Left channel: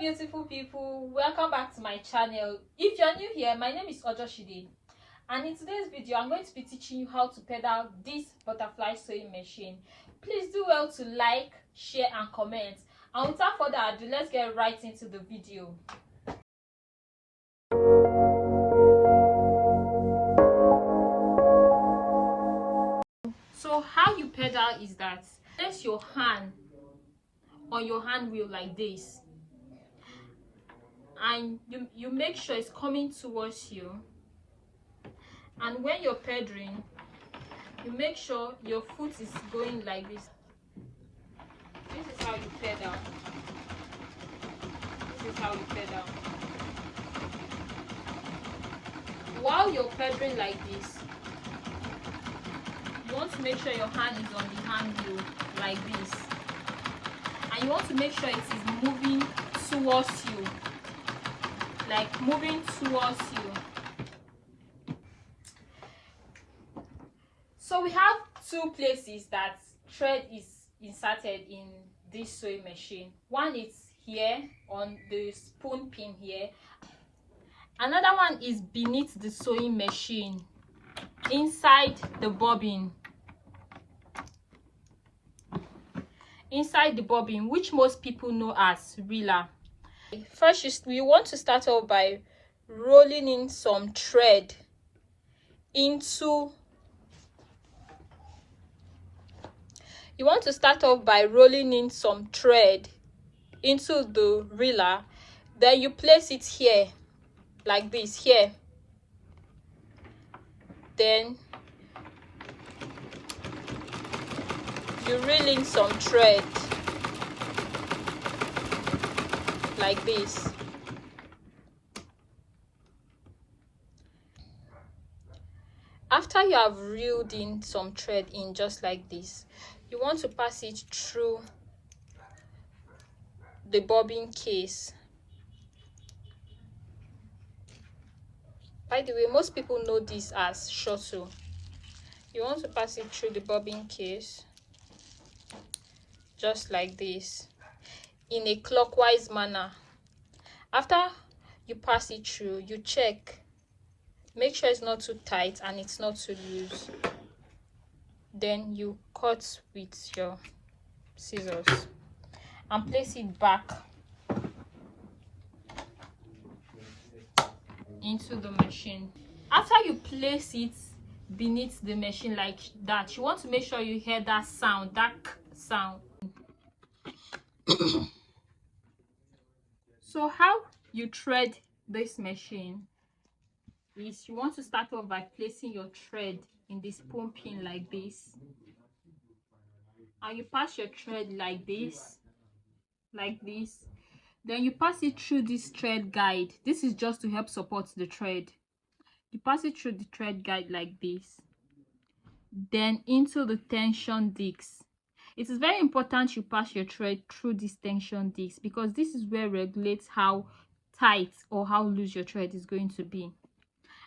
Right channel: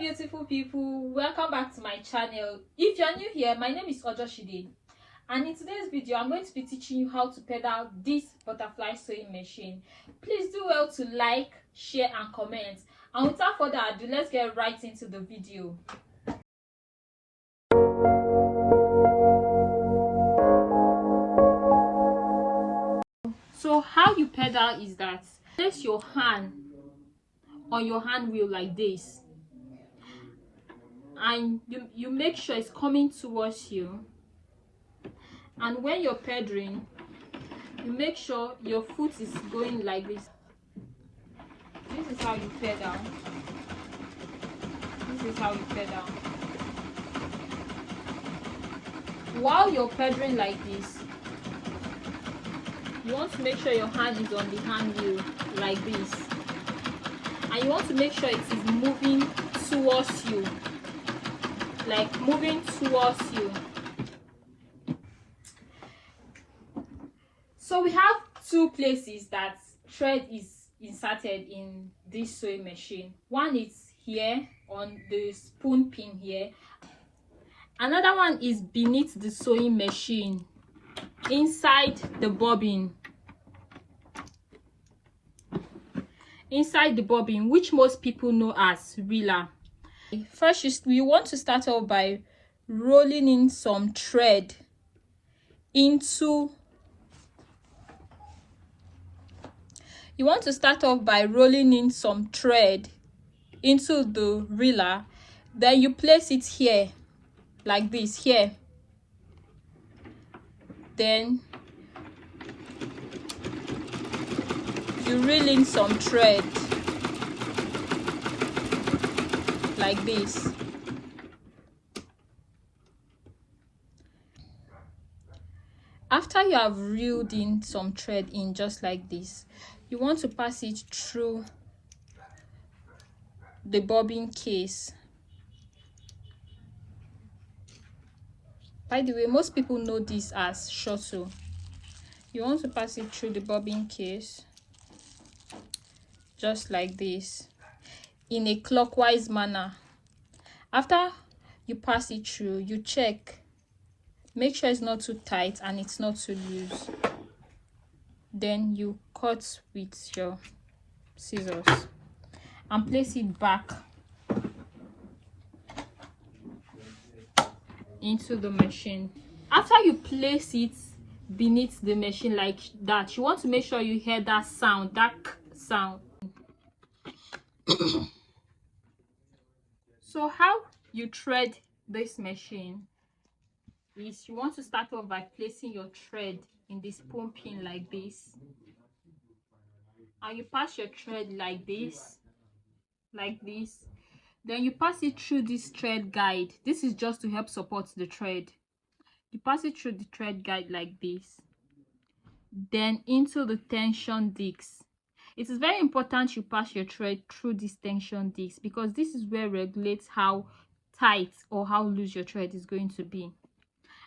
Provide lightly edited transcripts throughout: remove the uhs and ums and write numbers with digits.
beautiful people, welcome back to my channel. If you're new here, my name is Ojoshide, and in today's video I'm going to be teaching you how to pedal this butterfly sewing machine. Please do well to like, share and comment, and without further ado, let's get right into the video. So how you pedal is that place your hand on your hand wheel like this, and you make sure it's coming towards you, and when you're pedaling you make sure your foot is going like this. This is how you pedal. This is how you pedal. While you're pedaling like this, you want to make sure your hand is on the hand wheel like this, and you want to make sure it is moving towards you, like moving towards you. So we have two places that thread is inserted in this sewing machine. One is here on the spoon pin here. Another one is beneath the sewing machine, inside the bobbin. Inside the bobbin, which most people know as reeler. First, we want to start off by rolling in some thread into. You want to start off by rolling in some thread into the reeler. Then you place it here, like this here. Then you reel in some thread like this. After you have reeled in some thread in just like this, you want to pass it through the bobbin case. By the way, most people know this as shuttle. You want to pass it through the bobbin case just like this in a clockwise manner. After you pass it through, you check, make sure it's not too tight and it's not too loose. Then you cut with your scissors and place it back into the machine. After you place it beneath the machine like that, you want to make sure you hear that sound, that sound. So how you thread this machine is you want to start off by placing your thread in this spoon pin like this, and you pass your thread like this, then you pass it through this thread guide. This is just to help support the thread. You pass it through the thread guide like this, then into the tension disc. It is very important you pass your thread through this tension disc, because this is where regulates how tight or how loose your thread is going to be.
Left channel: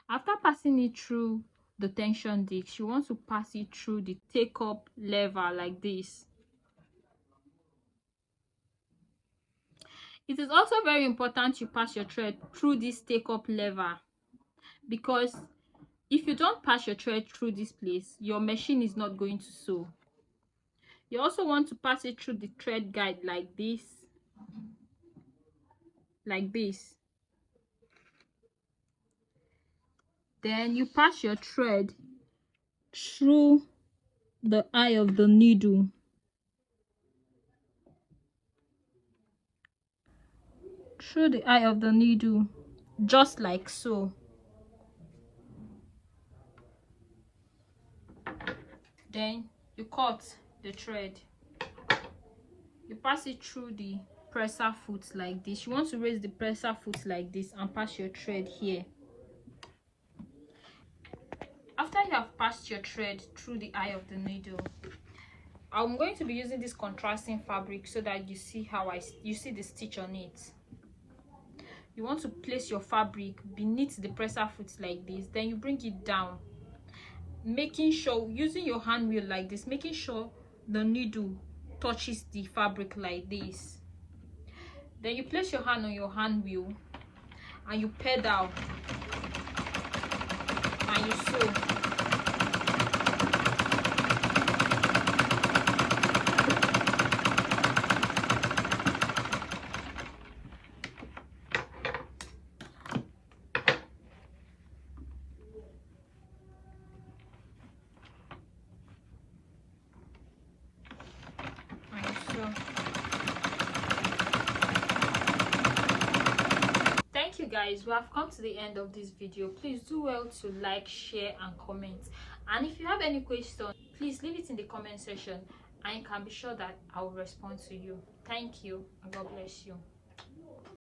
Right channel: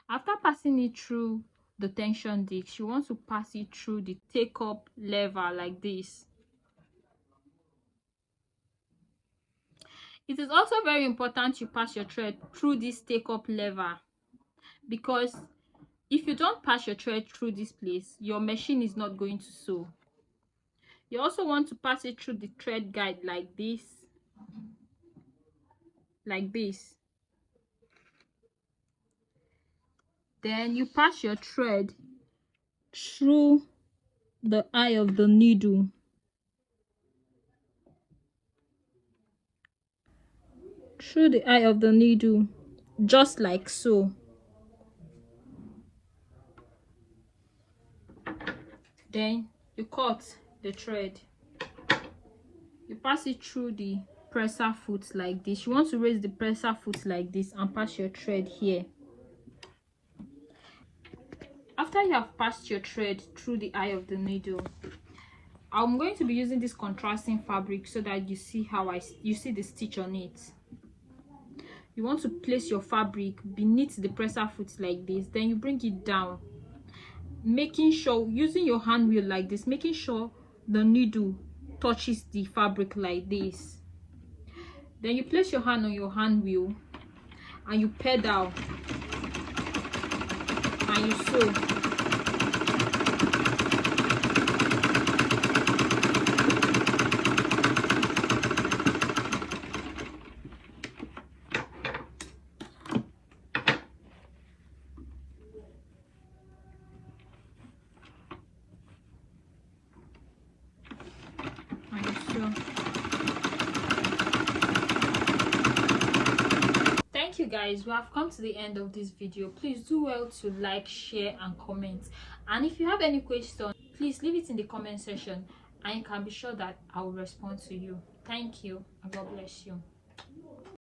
After passing it through the tension disc, you want to pass it through the take up lever like this. It is also very important you pass your thread through this take up lever, because if you don't pass your thread through this place, your machine is not going to sew. You also want to pass it through the thread guide like this, then you pass your thread through the eye of the needle. Through the eye of the needle, just like so. Then you cut the thread. You pass it through the presser foot like this. You want to raise the presser foot like this and pass your thread here. After you have passed your thread through the eye of the needle, I'm going to be using this contrasting fabric so that you see how you see the stitch on it. You want to place your fabric beneath the presser foot like this, then you bring it down, making sure, using your hand wheel like this, making sure the needle touches the fabric like this. Then you place your hand on your hand wheel and you pedal and you sew. And you sew. Thank you guys, we have come to the end of this video. Please do well to like, share and comment, and if you have any questions, please leave it in the comment section and you can be sure that I will respond to you. Thank you and God bless you.